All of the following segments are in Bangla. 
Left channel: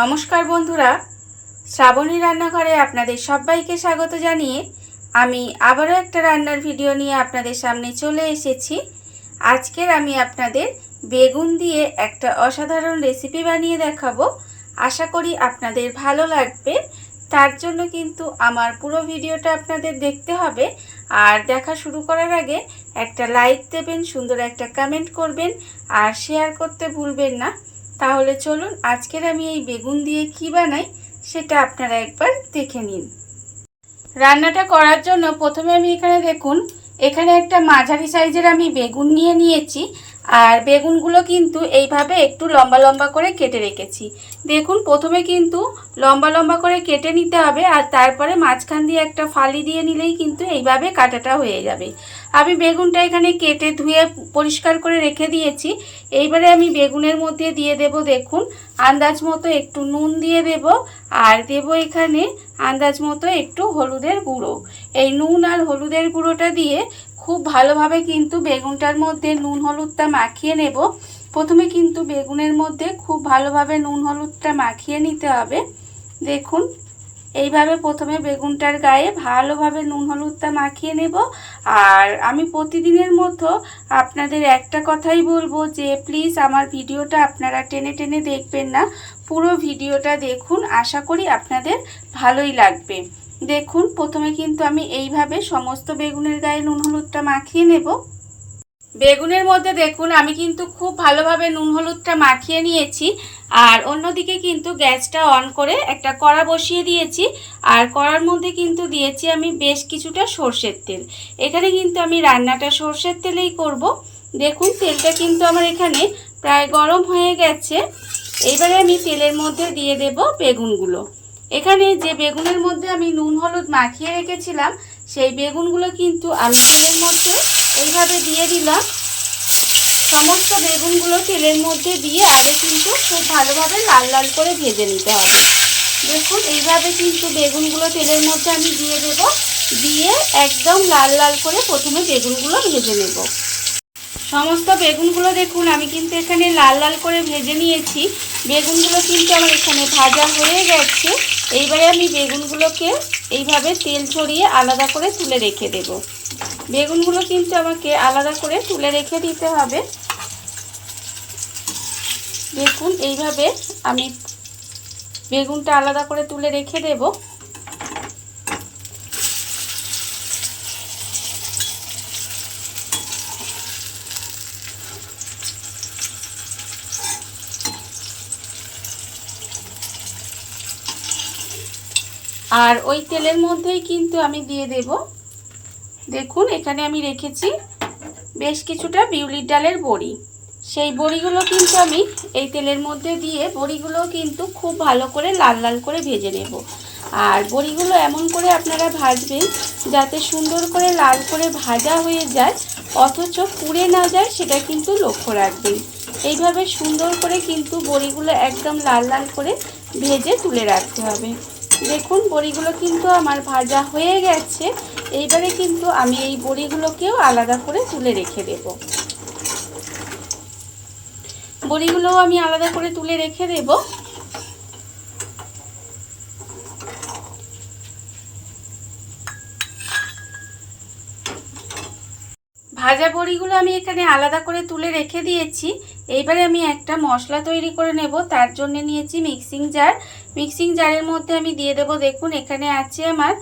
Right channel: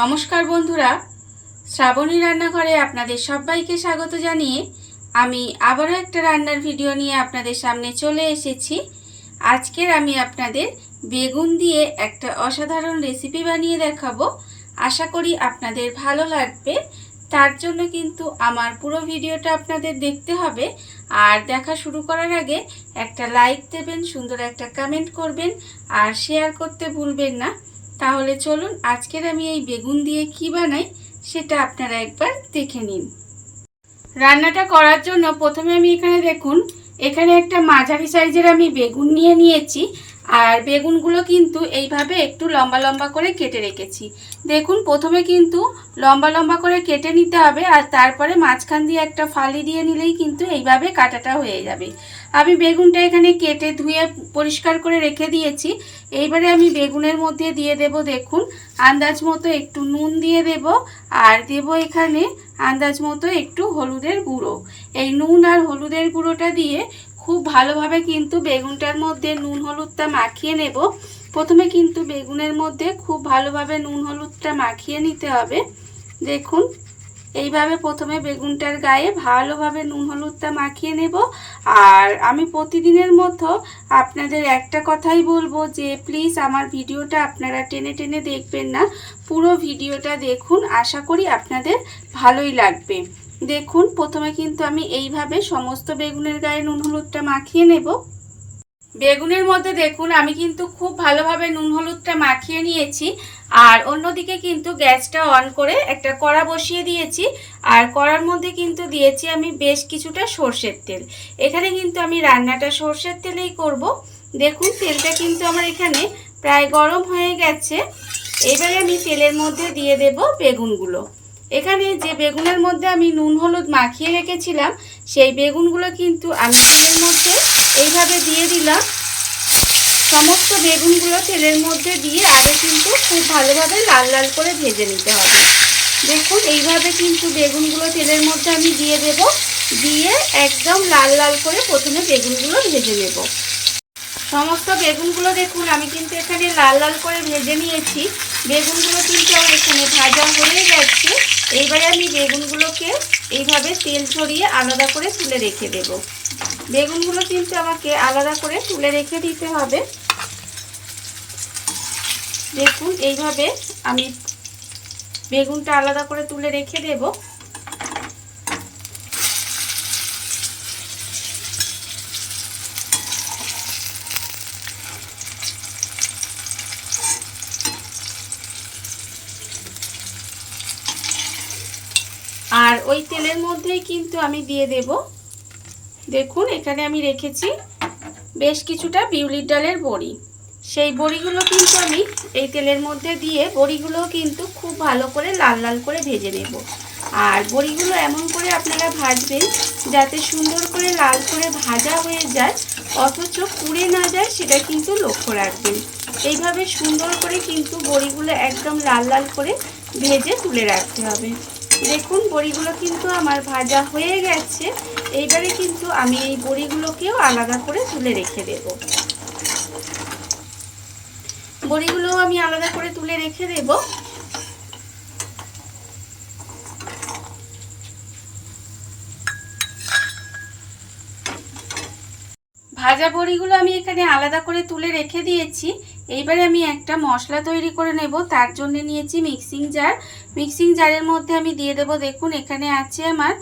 নমস্কার বন্ধুরা, শ্রাবণী রান্নাঘরে আপনাদের সবাইকে স্বাগত জানিয়ে আমি আবারও একটা রান্নার ভিডিও নিয়ে আপনাদের সামনে চলে এসেছি। আজকের আমি আপনাদের বেগুন দিয়ে একটা অসাধারণ রেসিপি বানিয়ে দেখাবো। আশা করি আপনাদের ভালো লাগবে। তার জন্য কিন্তু আমার পুরো ভিডিওটা আপনাদের দেখতে হবে। আর দেখা শুরু করার আগে একটা লাইক দেবেন, সুন্দর একটা কমেন্ট করবেন আর শেয়ার করতে ভুলবেন না। তাহলে চলুন আজকের আমি এই বেগুন দিয়ে কি বানাই সেটা আপনারা একবার দেখে নিন। রান্নাটা করার জন্য প্রথমে আমি এখানে একটা মাঝারি সাইজের আমি বেগুন নিয়ে নিয়েছি। আর বেগুনগুলো কিন্তু এইভাবে একটু লম্বা লম্বা করে কেটে রেখেছি। দেখুন, প্রথমে কিন্তু লম্বা লম্বা করে কেটে নিতে হবে, আর তারপরে মাঝখান দিয়ে একটা ফালি দিয়ে নিলেই কিন্তু এইভাবে কাটাটা হয়ে যাবে। আমি বেগুনটা এখানে কেটে ধুয়ে পরিষ্কার করে রেখে দিয়েছি। এইবারে আমি বেগুনের মধ্যে দিয়ে দেব, দেখুন, আন্দাজ মতো একটু নুন দিয়ে দেব, আর দেব এখানে আন্দাজ মতো একটু হলুদের গুঁড়ো। এই নুন আর হলুদের গুঁড়োটা দিয়ে খুব ভালোভাবে কিন্তু বেগুনটার মধ্যে নুন হলুদটা মাখিয়ে নেব। প্রথমে কিন্তু বেগুনের মধ্যে খুব ভালোভাবে নুন হলুদটা মাখিয়ে নিতে হবে। দেখুন, এইভাবে প্রথমে বেগুনটার গায়ে ভালোভাবে নুন হলুদটা মাখিয়ে নেব। আর আমি প্রতিদিনের মতো আপনাদের একটা কথাই বলবো যে প্লিজ আমার ভিডিওটা আপনারা টেনে টেনে দেখবেন না, পুরো ভিডিওটা দেখুন। আশা করি আপনাদের ভালোই লাগবে। দেখুন, প্রথমে কিন্তু আমি এইভাবে সমস্ত বেগুনের গায়ে নুন হলুদটা মাখিয়ে নেব। বেগুনের মধ্যে দেখুন আমি কিন্তু খুব ভালোভাবে নুন হলুদটা মাখিয়ে নিয়েছি। আর অন্যদিকে কিন্তু গ্যাসটা অন করে একটা কড়া বসিয়ে দিয়েছি। আর কড়ার মধ্যে কিন্তু দিয়েছি আমি বেশ কিছুটা সর্ষের তেল। এখানে কিন্তু আমি রান্নাটা সর্ষের তেলেই করব। দেখুন, তেলটা কিন্তু আমার এখানে প্রায় গরম হয়ে গেছে। এইবারে আমি তেলের মধ্যে দিয়ে দেব বেগুনগুলো। এখানে যে বেগুনের মধ্যে আমি নুন হলুদ মাখিয়ে রেখেছিলাম সেই বেগুনগুলো কিন্তু আমি তেলের মধ্যে এইভাবে দিয়ে দিলাম। সমস্ত বেগুনগুলো তেলের মধ্যে দিয়ে আগে কিন্তু খুব ভালোভাবে লাল লাল করে ভেজে নিতে হবে। দেখুন, এইভাবে কিন্তু বেগুনগুলো তেলের মধ্যে আমি দিয়ে দেব, দিয়ে একদম লাল লাল করে প্রথমে বেগুনগুলো ভেজে নেব। সমস্ত বেগুনগুলো দেখুন আমি কিন্তু এখানে লাল লাল করে ভেজে নিয়েছি। বেগুনগুলো কিন্তু আমার এখানে ভাজা হয়ে গেছে। এইবারে আমি বেগুনগুলোকে এইভাবে তেল ছড়িয়ে আলাদা করে তুলে রেখে দেব। বেগুনগুলো কিন্তু আমাকে আলাদা করে তুলে রেখে দিতে হবে। দেখুন, এইভাবে আমি বেগুনটা আলাদা করে তুলে রেখে দেব। আর ওই তেলের মধ্যেই কিন্তু আমি দিয়ে দেব, দেখুন এখানে আমি রেখেছি বেশ কিছুটা বিউলির ডালের বড়ি। সেই বড়িগুলো কিন্তু আমি এই তেলের মধ্যে দিয়ে বড়িগুলো কিন্তু খুব ভালো করে লাল লাল করে ভেজে নেব। আর বড়িগুলো এমন করে আপনারা ভাজবেন যাতে সুন্দর করে লাল করে ভাজা হয়ে যায়, অথচ পুড়ে না যায়, সেটা কিন্তু লক্ষ্য রাখবেন। এইভাবে সুন্দর করে কিন্তু বড়িগুলো একদম লাল লাল করে ভেজে তুলে রাখতে হবে। দেখুন, বড়িগুলো কিন্তু আমার ভাজা হয়ে গেছে। এইবারে কিন্তু আমি এই বড়িগুলোকেও আলাদা করে তুলে রেখে দেব। বড়িগুলোও আমি আলাদা করে তুলে রেখে দেব। ভাজা বড়িগুলো আমি এখানে আলাদা করে তুলে রেখে দিয়েছি। এইবারে আমি একটা মশলা তৈরি করে নেব। তার জন্য নিয়েছি মিক্সিং জার। মিক্সিং জারের মধ্যে আমি দিয়ে দেব, দেখুন এখানে আছে আমার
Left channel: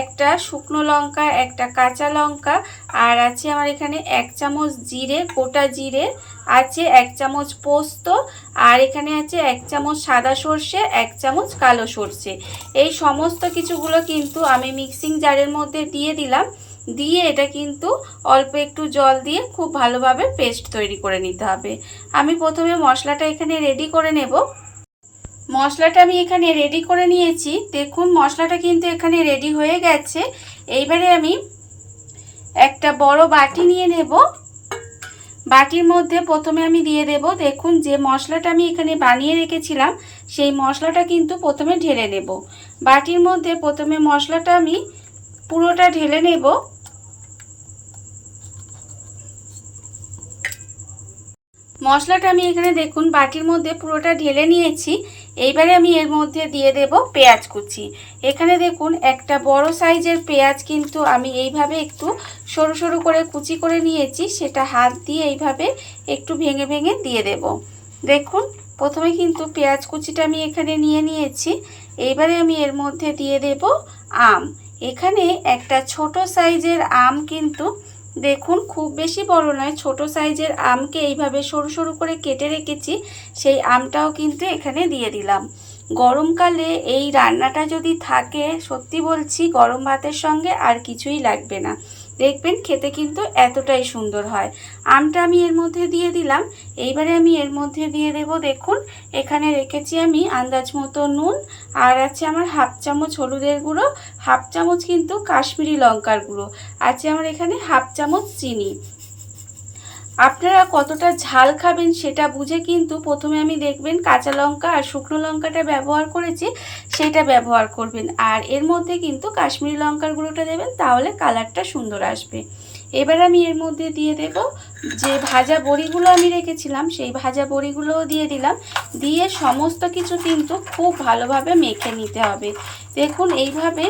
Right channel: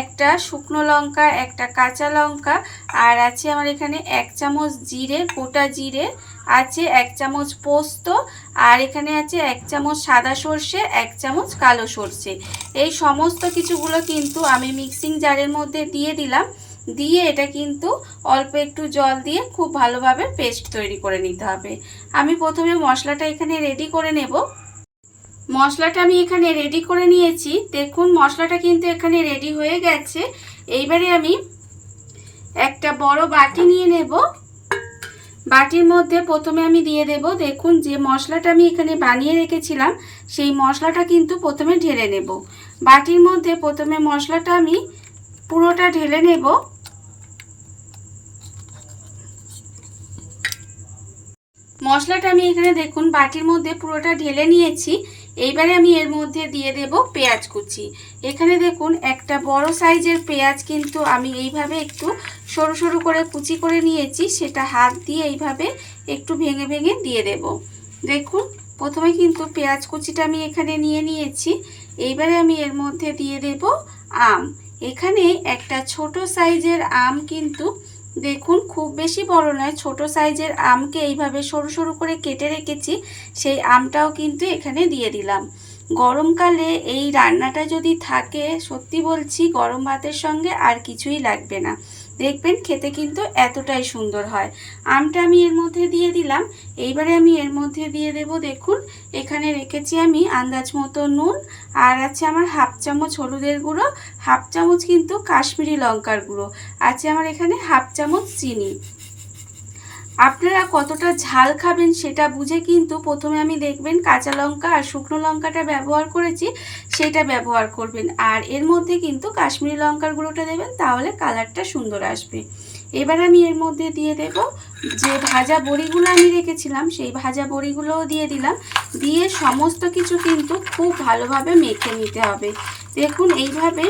একটা শুকনো লঙ্কা, একটা কাঁচা লঙ্কা, আর আছে আমার এখানে 1 চামচ জিরে, গোটা জিরে, আছে 1 চামচ পোস্ত, আর এখানে আছে 1 চামচ সাদা সর্ষে, 1 চামচ কালো সর্ষে। এই সমস্ত কিছুগুলো কিন্তু আমি মিক্সিং জারের মধ্যে দিয়ে দিলাম। দিয়ে এটা কিন্তু অল্প একটু জল দিয়ে খুব ভালোভাবে পেস্ট তৈরি করে নিতে হবে। আমি প্রথমে মশলাটা এখানে রেডি করে নেব। মশলাটা আমি এখানে রেডি করে নিয়েছি। দেখুন, মশলাটা কিন্তু এখানে রেডি হয়ে গেছে। এইবারে আমি একটা বড় বাটি নিয়ে নেব। বাটির মধ্যে প্রথমে আমি দিয়ে দেব, দেখুন যে মশলাটা আমি এখানে বানিয়ে রেখেছিলাম সেই মশলাটা কিন্তু প্রথমে ঢেলে নেব। বাটির মধ্যে প্রথমে মশলাটা আমি পুরোটা ঢেলে নেব। মশলাটা আমি এখানে দেখুন বাটির মধ্যে পুরোটা ঢেলে নিয়েছি। এইবারে আমি এর মধ্যে দিয়ে দেব পেঁয়াজ কুচি। এখানে দেখুন একটা বড় সাইজের পেঁয়াজ কিন্তু আমি এইভাবে একটু সরু সরু করে কুচি করে নিয়েছি, সেটা হাত দিয়ে এইভাবে একটু ভেঙে ভেঙে দিয়ে দেব। দেখুন প্রথমে কিন্তু পেঁয়াজ কুচিটা আমি এখানে নিয়ে নিয়েছি। এইবারে আমি এর মধ্যে দিয়ে দেব আম। এখানে একটা ছোট সাইজের আম, কিন্তু দেখুন খুব বেশি বড় নয়, ছোট সাইজের আমকে এইভাবে সরু সরু করে কেটে রেখেছি, সেই আমটাও কিন্তু এখানে দিয়ে দিলাম। গরমকালে এই রান্নাটা যদি থাকে, সত্যি বলছি গরম ভাতের সঙ্গে আর কিছুই লাগবে না, দেখবেন খেতে কিন্তু এতটাই সুন্দর হয়। আমটা আমি এর মধ্যে দিয়ে দিলাম। এইবারে আমি এর মধ্যে দিয়ে দেব, দেখুন এখানে রেখেছি আমি আন্দাজ মতো নুন, আর আছে আমার হাফ চামচ হলুদের গুঁড়ো, হাফ চামচ কিন্তু কাশ্মীরি লঙ্কার গুঁড়ো, আছে আমার এখানে হাফ চামচ চিনি। আপনারা কতটা ঝাল খাবেন সেটা বুঝে কিন্তু প্রথমে আমি দেখবেন কাঁচা লঙ্কা আর শুকনো লঙ্কাটা ব্যবহার করেছি, সেটা ব্যবহার করবেন। আর এর মধ্যে কিন্তু কাশ্মীরি লঙ্কার গুঁড়োটা দেবেন, তাহলে কালারটা সুন্দর আসবে। এবার আমি এর মধ্যে দিয়ে দেব যে ভাজা বড়িগুলো আমি রেখেছিলাম, সেই ভাজা বড়িগুলোও দিয়ে দিলাম। দিয়ে সমস্ত কিছু কিন্তু খুব ভালোভাবে মেখে নিতে হবে। দেখুন এইভাবে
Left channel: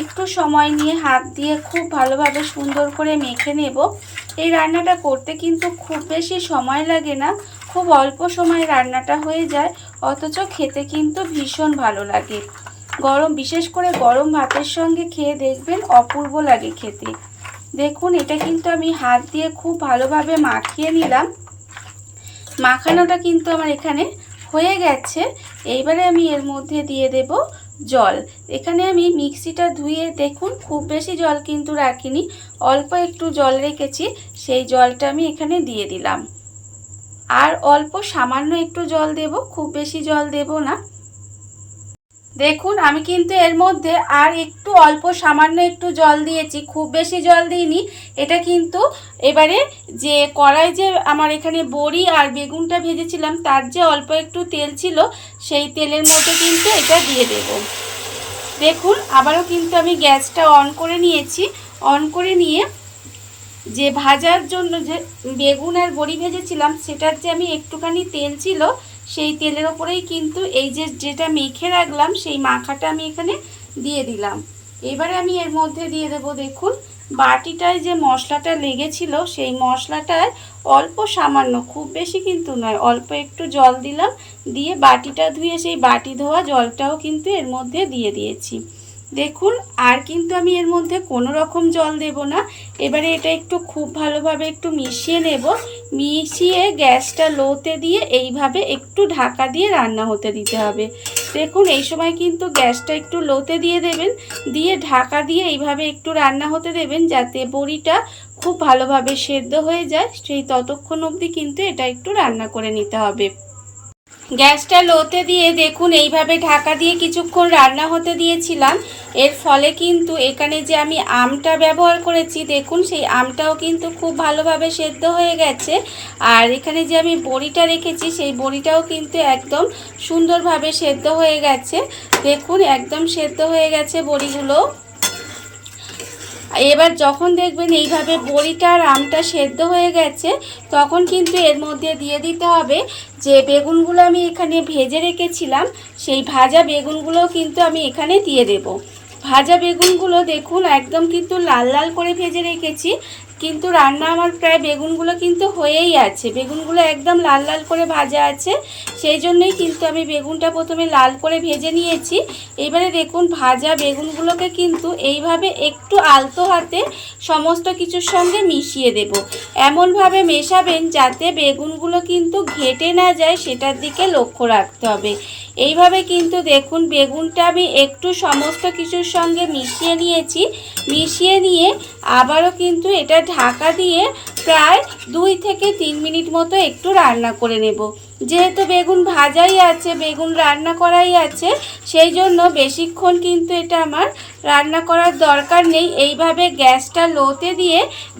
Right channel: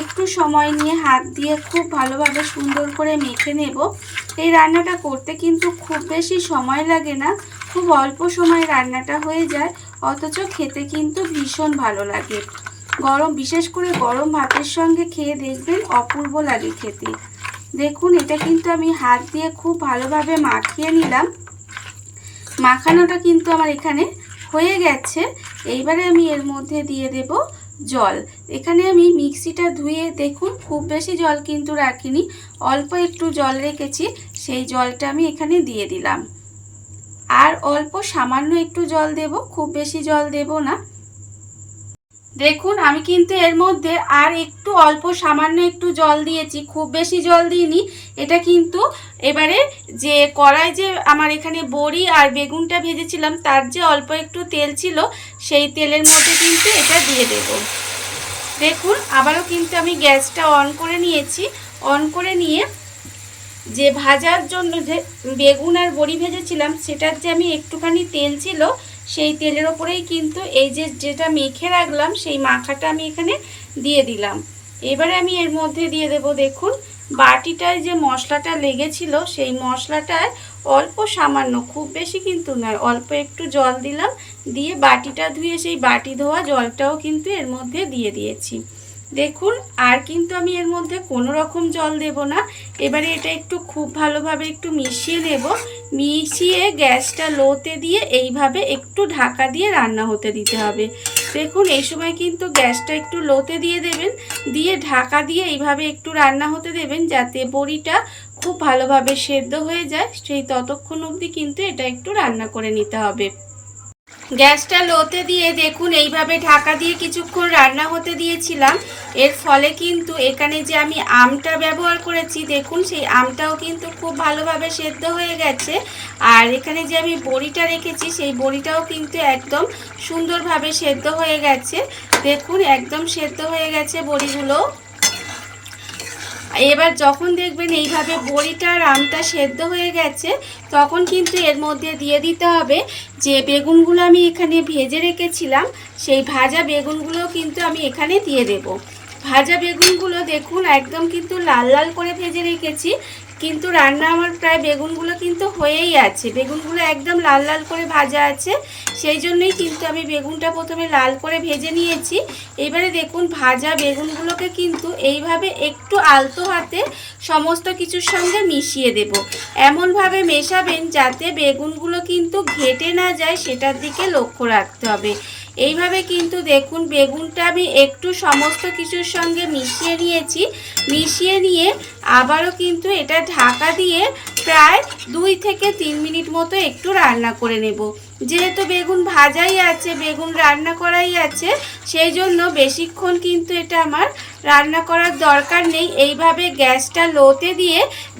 একটু সময় নিয়ে হাত দিয়ে খুব ভালোভাবে সুন্দর করে মেখে নেব। এই রান্নাটা করতে কিন্তু খুব বেশি সময় লাগে না, খুব অল্প সময়ে রান্নাটা হয়ে যায়, অথচ খেতে কিন্তু ভীষণ ভালো লাগে। বিশেষ করে গরম ভাতের সঙ্গে খেয়ে দেখবেন অপূর্ব লাগে খেতে। দেখুন এটা কিন্তু আমি হাত দিয়ে খুব ভালোভাবে মাখিয়ে নিলাম। মাখানোটা কিন্তু আমার এখানে হয়ে গেছে। এইবারে আমি এর মধ্যে দিয়ে দেব জল। এখানে আমি মিক্সিটা ধুয়ে, দেখুন খুব বেশি জল কিন্তু রাখিনি, অল্প একটু জল রেখেছি, সেই জলটা আমি এখানে দিয়ে দিলাম। আর অল্প সামান্য একটু জল দেব, খুব বেশি জল দেব না। দেখুন আমি কিন্তু এর মধ্যে আর একটু অল্প সামান্য একটু জল দিয়েছি, খুব বেশি জল দিইনি। এটা কিন্তু এবারে যে কড়াই যে আমার এখানে বড়ি আর বেগুনটা ভেজেছিলাম, তার যে অল্প একটু তেল ছিল, সেই তেলের মধ্যে কিন্তু এটা দিয়ে দেব। দেখুন আবারও কিন্তু আমি গ্যাসটা অন করে নিয়েছি। অন করে নিয়ে যে ভাজার জন্য যে বেগুন আর বড়ি ভেজেছিলাম, সেটার যে আমি একটুখানি তেল ছিল, সেই তেলের ওপরেই কিন্তু এই যেটা মেখে রাখলাম, সেই মাখাটা আমি এখানে দিয়ে দিলাম। এবারে আমি এর মধ্যে দিয়ে দেব, দেখুন বাটিটায় যে মশলাটা লেগেছিল, সেই মশলাটায় অল্প সামান্য, খুব বেশি কিন্তু নয়, অল্প একটু জল দিলাম। দিয়ে বাটিটা ধুয়ে সেই বাটি ধোয়া জলটাও কিন্তু এর মধ্যে দিয়ে দিয়েছি। দেখুন আর কিন্তু আমি এর মধ্যে কোনো রকম জল দেব না। এবারে এটা একটু খুব ভালোভাবে একটু মিশিয়ে নেব। মিশিয়ে গ্যাসটা লোতে দিয়ে এইভাবে একটু ঢাকা দিয়ে রান্না হতে দিতে হবে। দেখুন এই সময় কিন্তু গ্যাসটা একটু লোতে দিয়ে দেবেন, দিয়ে ঢাকা দিয়ে এইভাবে একটু রান্না হতে দেবেন, যাতে বড়িটা খুব ভালোভাবে সেদ্ধ হয়ে যায়। সেই ততক্ষণ অবধি কিন্তু এটা একটু রান্না করে নিতে হবে। গ্যাসটা লোতে দিয়ে দেখুন এইভাবে ঢাকা দিয়ে কিছুক্ষণ রান্না হতে দিয়েছিলাম। এর ফলে কিন্তু এখানে যে আমি আমটা ব্যবহার করেছি, দেখুন সেই আমটাও কিন্তু খুব ভালোভাবে সেদ্ধ হয়ে গেছে। আর এখানে যে আমি বড়িটা রেখেছি, সেই বড়িটাও কিন্তু একদম সুন্দরভাবে সেদ্ধ হয়ে গেছে। দেখুন একদম সেদ্ধ হয়ে গেছে বড়িগুলো। এবার যখন দেখবেন এইভাবে বড়িটা আর আমটা সেদ্ধ হয়ে গেছে, তখন কিন্তু এর মধ্যে দিয়ে দিতে হবে যে বেগুনগুলো আমি এখানে ভেজে রেখেছিলাম, সেই ভাজা বেগুনগুলো কিন্তু আমি এখানে দিয়ে দেব। ভাজা বেগুনগুলো দেখুন একদম কিন্তু লাল লাল করে ভেজে রেখেছি, কিন্তু রান্না আমার প্রায় বেগুনগুলো কিন্তু হয়েই আছে, বেগুনগুলো একদম লাল লাল করে ভাজা আছে, সেই জন্যই কিন্তু আমি বেগুনটা প্রথমে লাল করে ভেজে নিয়েছি। এবারে দেখুন ভাজা বেগুনগুলোকে কিন্তু এইভাবে একটু আলতো হাতে সমস্ত কিছুর সঙ্গে মিশিয়ে দেব। এমনভাবে মেশাবেন যাতে বেগুনগুলো কিন্তু ঘেটে না যায়, সেটার দিকে লক্ষ্য রাখতে হবে। এইভাবে কিন্তু দেখুন বেগুনটা আমি একটু সমস্ত কিছুর সঙ্গে মিশিয়ে নিয়েছি। মিশিয়ে নিয়ে আবারও কিন্তু এটা ঢাকা দিয়ে প্রায় 2 থেকে 3 মিনিট মতো একটু রান্না করে নেব। যেহেতু বেগুন ভাজাই আছে, বেগুন রান্না করাই আছে, সেই জন্য বেশিক্ষণ কিন্তু এটা আমার রান্না করার দরকার নেই। এইভাবে গ্যাসটা লোতে দিয়ে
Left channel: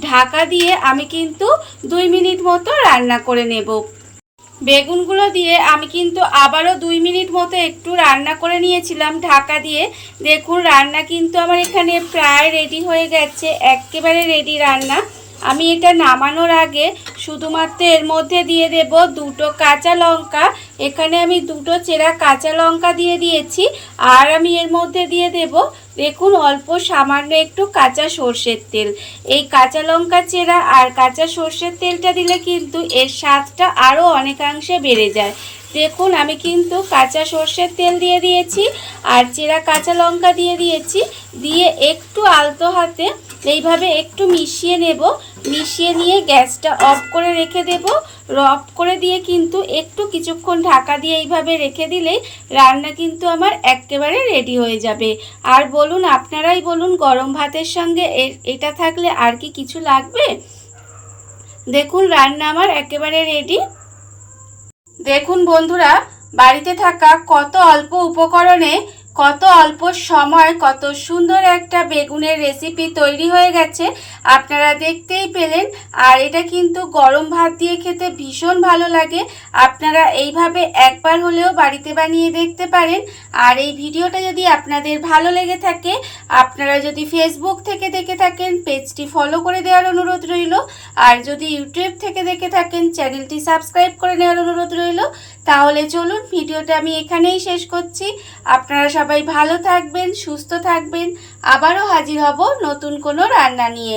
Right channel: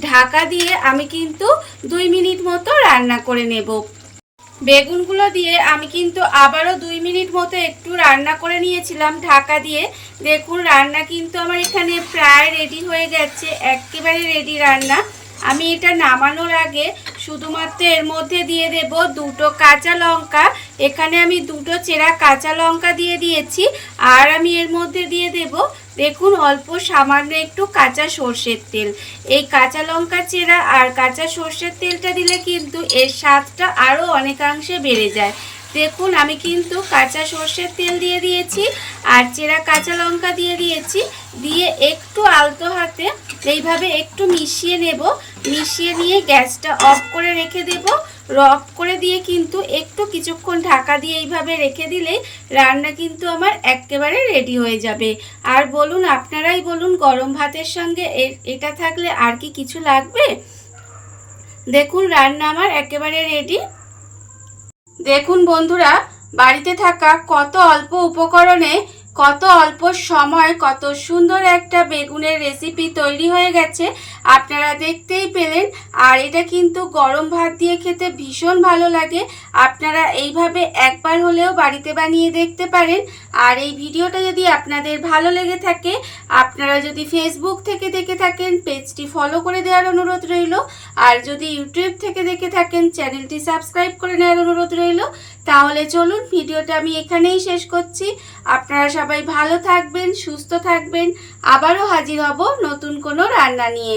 ঢাকা দিয়ে আমি কিন্তু 2 মিনিট মতো রান্না করে নেব। বেগুনগুলো দিয়ে আমি কিন্তু আবারও 2 মিনিট মতো একটু রান্না করে নিয়েছিলাম ঢাকা দিয়ে। দেখুন রান্না কিন্তু আমার এখানে প্রায় রেডি হয়ে গেছে, একেবারে রেডি রান্না। আমি এটা নামানোর আগে শুধুমাত্র এর মধ্যে দিয়ে দেব দুটো কাঁচা লঙ্কা। এখানে আমি দুটো চেরা কাঁচা লঙ্কা দিয়ে দিয়েছি। আর আমি এর মধ্যে দিয়ে দেব দেখুন অল্প সামান্য একটু কাঁচা সর্ষের তেল। এই কাঁচা লঙ্কা চেরা আর কাঁচা সর্ষের তেলটা দিলে কিন্তু এর স্বাদটা আরও অনেকাংশে বেড়ে যায়। দেখুন আমি কিন্তু কাঁচা সর্ষের তেল দিয়ে দিয়েছি আর চেরা কাঁচা লঙ্কা দিয়ে দিয়েছি। দিয়ে একটু আলতো হাতে এইভাবে একটু মিশিয়ে নেব। মিশিয়ে নিয়ে গ্যাসটা অফ করে রেখে দেব। অফ করে দিয়ে কিন্তু একটু কিছুক্ষণ ঢাকা দিয়ে এইভাবে রেখে দিলেই রান্না কিন্তু আমার একেবারে রেডি হয়ে যাবে। আর বলুন, আপনারাই বলুন, গরম ভাতের সঙ্গে এটা থাকলে আর কি কিছু লাগবে? দেখুন রান্না আমার একেবারে রেডি। দেখুন বন্ধুরা, বাড়িতে থাকা কত অল্প উপকরণে কত অল্প সময় কত সুন্দর একটা বেগুনের রেসিপি তৈরি হয়ে গেছে, আপনারা দেখতেই পেলেন। আর এটা কিন্তু গরম ভাত দিয়ে খেতে ভীষণ ভালো লাগে। আপনারা এইভাবে একবার হলেও বাড়িতে বানিয়ে দেখতে পারেন। আর এই ভিডিওটা যদি আপনাদের ভালো লেগে থাকে, আপনারা যদি ফেসবুক থেকে দেখে থাকেন পেজটি ফলো করে দেওয়ার অনুরোধ রইল। আর যদি ইউটিউব থেকে দেখে থাকেন চ্যানেলটি সাবস্ক্রাইব করে নেওয়ার অনুরোধ রইল। তাহলে চলুন ভিডিওটা আমি এখানেই শেষ করছি। আপনারা সবাই ভালো থাকবেন, সুস্থ থাকবেন। আবারও হাজির হব নতুন কোনো রান্না নিয়ে।